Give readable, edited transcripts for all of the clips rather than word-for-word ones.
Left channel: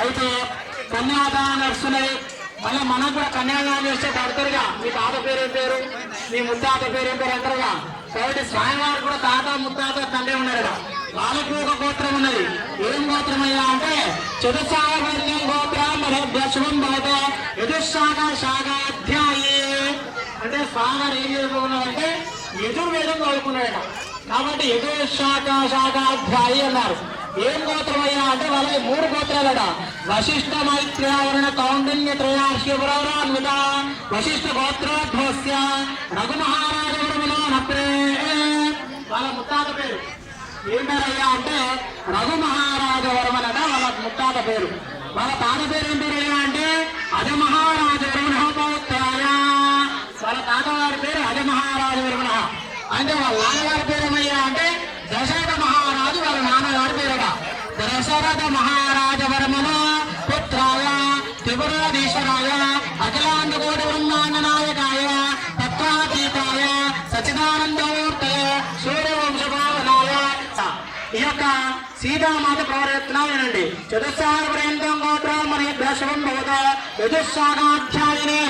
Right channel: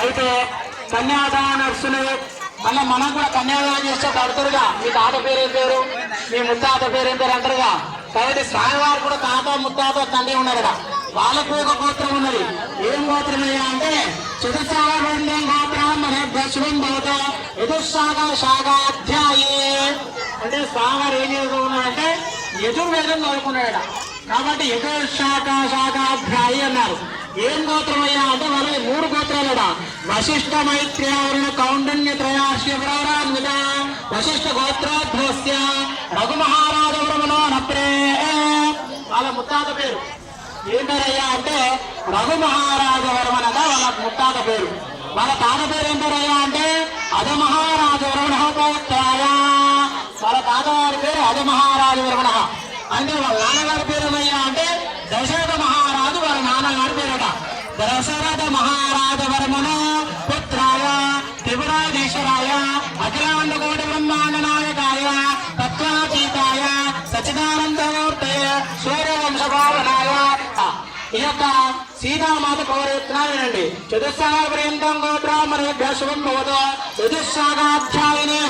అయితే కన్యాదానం నడుస్తున్నాయి. మళ్ళీ మనం కూడా కన్యాదానం చేస్తే అడుగుతారుగా, మీ తాత పేరు ఏం పేరు, మీ ముత్తాత పేరు ఏం పేరు అంటారుగా. కాబట్టి స్వామివారు కూడా తాత ముత్తాత తండ్రి ఉన్నారు కదా, వాళ్ళకు ఒక గోత్రం ఉన్నది. ఏం గోత్రం అయ్యా అంటే చతుస్సాగం గోత్రం మన శుభం భవత యతుశాఖ శాఖాధ్యాయే. అంటే స్వామివారు ఏం చేసుకున్నాడంటే యజుర్వేదం చదువుకున్నాడట. కాబట్టి యతుశాఖ శాఖాధ్యాయి అన్నారు. ఏం గోత్రం అయ్యా అంటే వాళ్ళకి 3 గోత్రాలట. వశిష్ఠ మైత్ర్యావరణ కౌండన్య త్రయాశ్యపురోరాన్విత వశిష్ఠ గోత్రోద్భవస్య రఘుమహారాజవరమనో నప్రే. వాళ్ళ ముత్తాత పేరు ఏం పేరయ్యా అంటే రఘుమహారాజవర్మనట వాళ్ళ ముత్తాత పేరు. వాళ్ళ తాత పేరు ఏం పేరయ్యా అంటే అజమహారాజవర్మణ పౌత్రాయ. వాళ్ళ తాతవారి పేరు అజమహారాజవర్మణ. అంటే వాళ్ళ నాన్నగారి పేరు ఏమయ్యా అంటే దశరథ మహారాజు వాళ్ళ నాన్నగారి పేరట. దశరథ మహారాజవర్మణ పుత్రాయ త్రిపురాధీశ్వరాయ అఖిలాండకోటి బ్రహ్మాండ నాయకాయ తత్వాతీతాయ సచిదానందమూర్తయ సూర్యవంశభావనాయ. ఈ యొక్క సీతామాత పౌరయత్నం వినండి. చతుస్సాగపర్యంతం గోత్రామణేభ్య శుభం భవతో చతుస్సాగాధ్యాయిని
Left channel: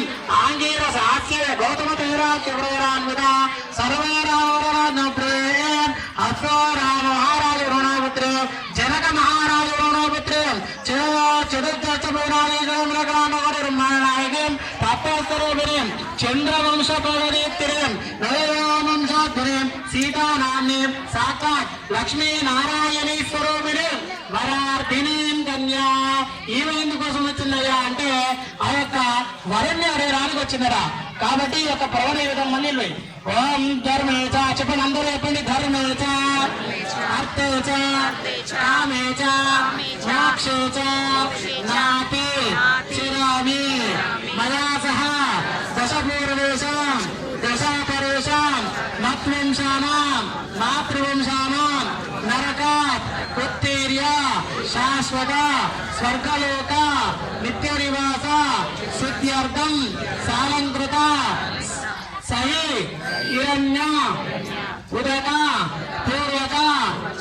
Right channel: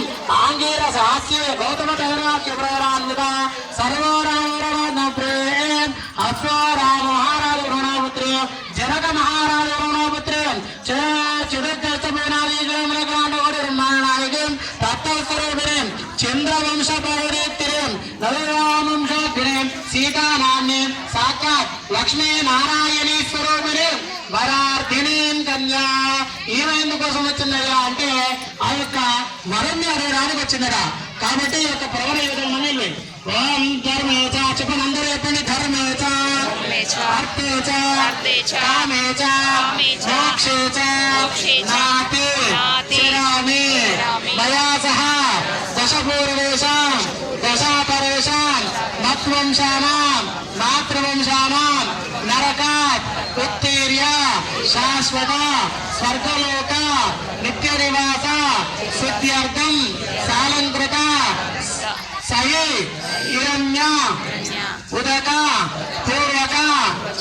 ఆంగీర సాస్య గౌతమ తైరాఖ్యప్రయరాన్విత సర్వరామప్రే అశ్వరామ మహారాజ వరుణాపుత్రే జనక మహారాజ వరుణాపుత్రే చతుర్దశనాయకం బ్రహ్మాండనాయకం తత్వస్వరూపిణీం చంద్రవంశ పౌరేత్తిరీం నవరామంశాగ్రీం సీతానామ్నీం సాక్షాత్ లక్ష్మీ నారాయణీ స్వరూపిణీం వరార్థినీం కన్యా. ఈమె ఎందుకోసం వచ్చిందయ్యా అంటే ఆ యొక్క వరుణ్ణి అడగడానికి వచ్చిందరా. కాబట్టి ఈ యొక్క ప్రవణ విధంగా ఓం ధర్మేచ చెప్పండి, అందరూ చెప్పండి. ధర్మేచ అర్థేచ కామేచ మోక్షేచ నాతి చిరామి మయా సహ దశపూర్వేషాం దశాపరేషాం మత్వంశానాం మాతృవంశానాం నరకాత్ ఉత్తీర్య శాశ్వత స్వర్గలోక నిత్య నివాస సిద్ధ్యర్థం సాలంకృత సహి హిరణ్య ఉదక పూర్వక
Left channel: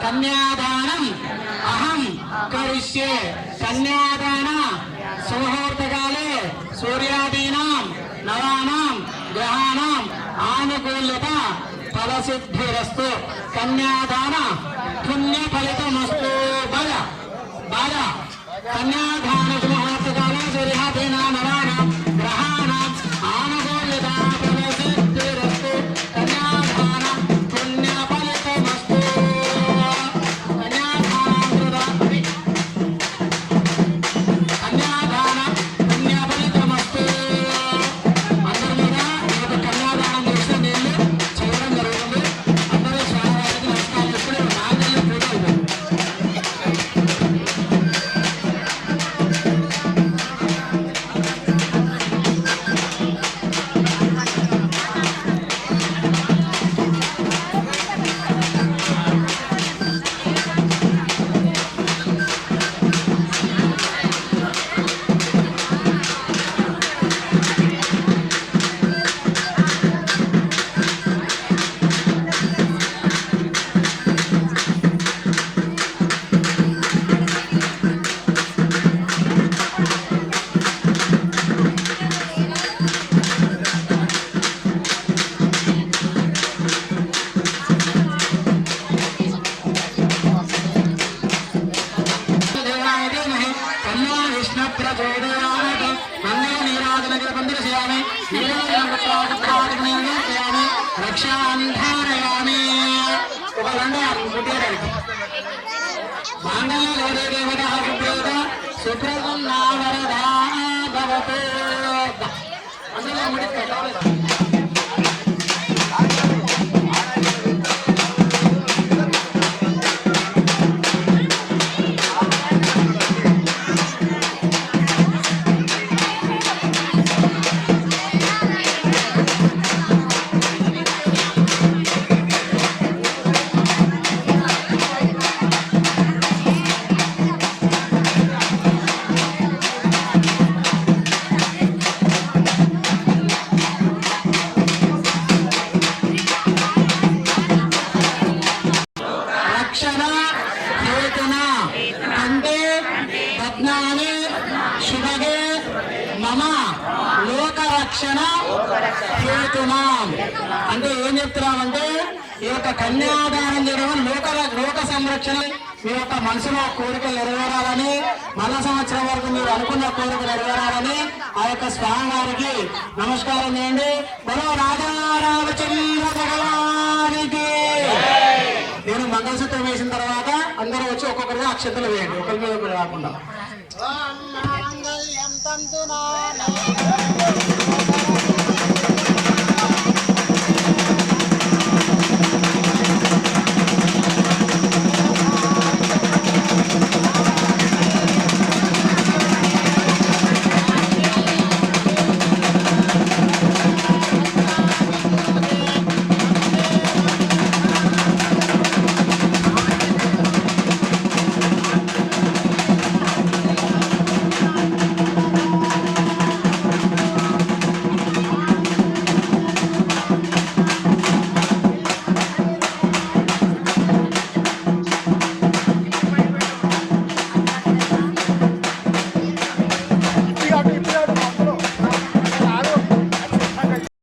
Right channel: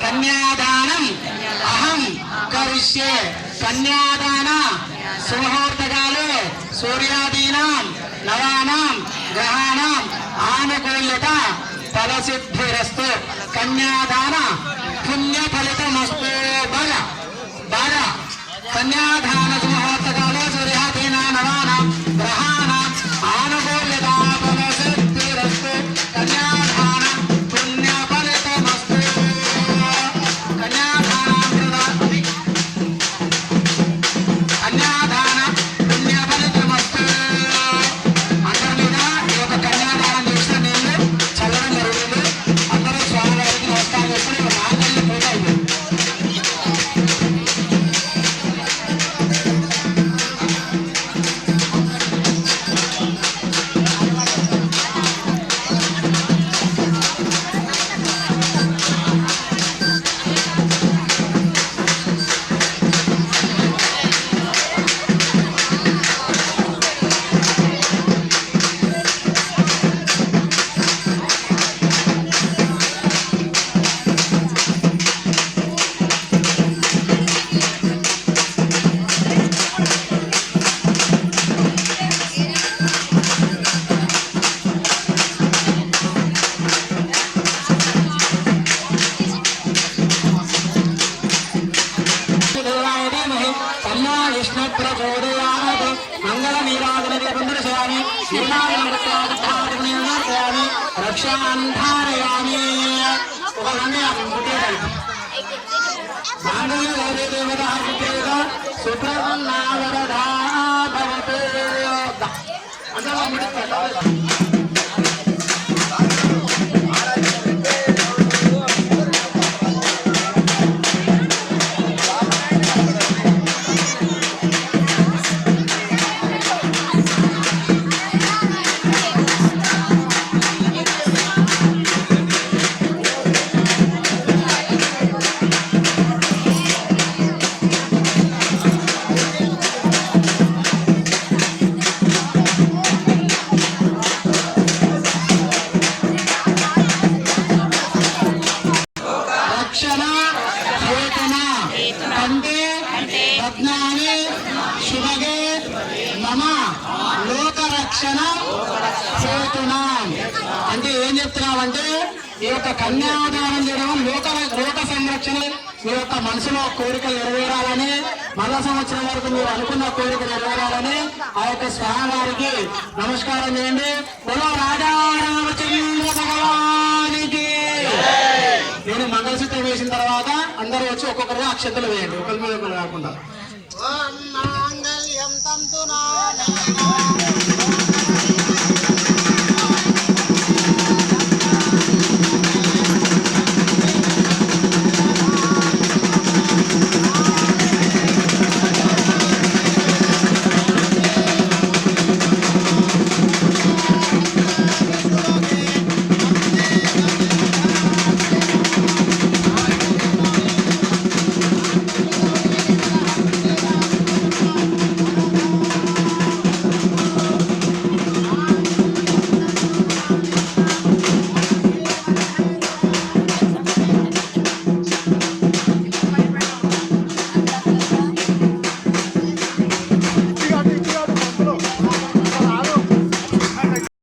కన్యాదానం అహం కరిష్యే. కన్యాదాన సుముహూర్తకాలే సూర్యాదీనాం నవానాం గ్రహాణాం ఆనుకూల్యత ఫలసిద్ధిరస్తు. కన్యాదాన పుణ్య ఫలితమస్తు. బాల కన్యాదాన సుముహూర్తకాలే సూర్యాదీనా నవానాం గ్రహాణాం ఆనుకూల్యత ఫలసిద్ధిరస్తు. కన్యాదాన పుణ్య ఫలితమస్తు. కన్యాదాన పుణ్య ఫలితమస్తు. అందరి మీద ఈ యొక్క కన్యాదానం చేసిన నీళ్ళు చల్లడం జరుగుతుంది. అందరూ స్వామివారికి నమస్కారం చేసుకుని మాంగళ్య పూజ అయిపోయింది. రక్షాంధారయామి. ఒక మాంగళ్య గౌరీ దేవత సుప్రసన్నావరదా భవతు. అందులో ముడి రత్నాన్ని శుభగే మమ లోకరక్షణ చేతున్నాం. అంటే ఏం చెప్తున్నామంటే ఈ యొక్క కన్యాదానం చేయడం లోక సంరక్షణ, మీ యొక్క మనసులో కోరికలు నెరవేరాలని, మళ్ళా సంవత్సరం వరకు మీరు అనుకున్న కోరిక నెరవేరాలని ఆ యొక్క స్వామివారికి నమస్కారం చేయండి. బలో రాజా రామచంద్ర భగవానికి. నేను మంగళసూత్రం వేసిన తర్వాత అందరూ వచ్చి ఒక్కొక్కరిగా అక్షంతలు వేయండి, ఒకరి మీద ఒకరు కాకుండా.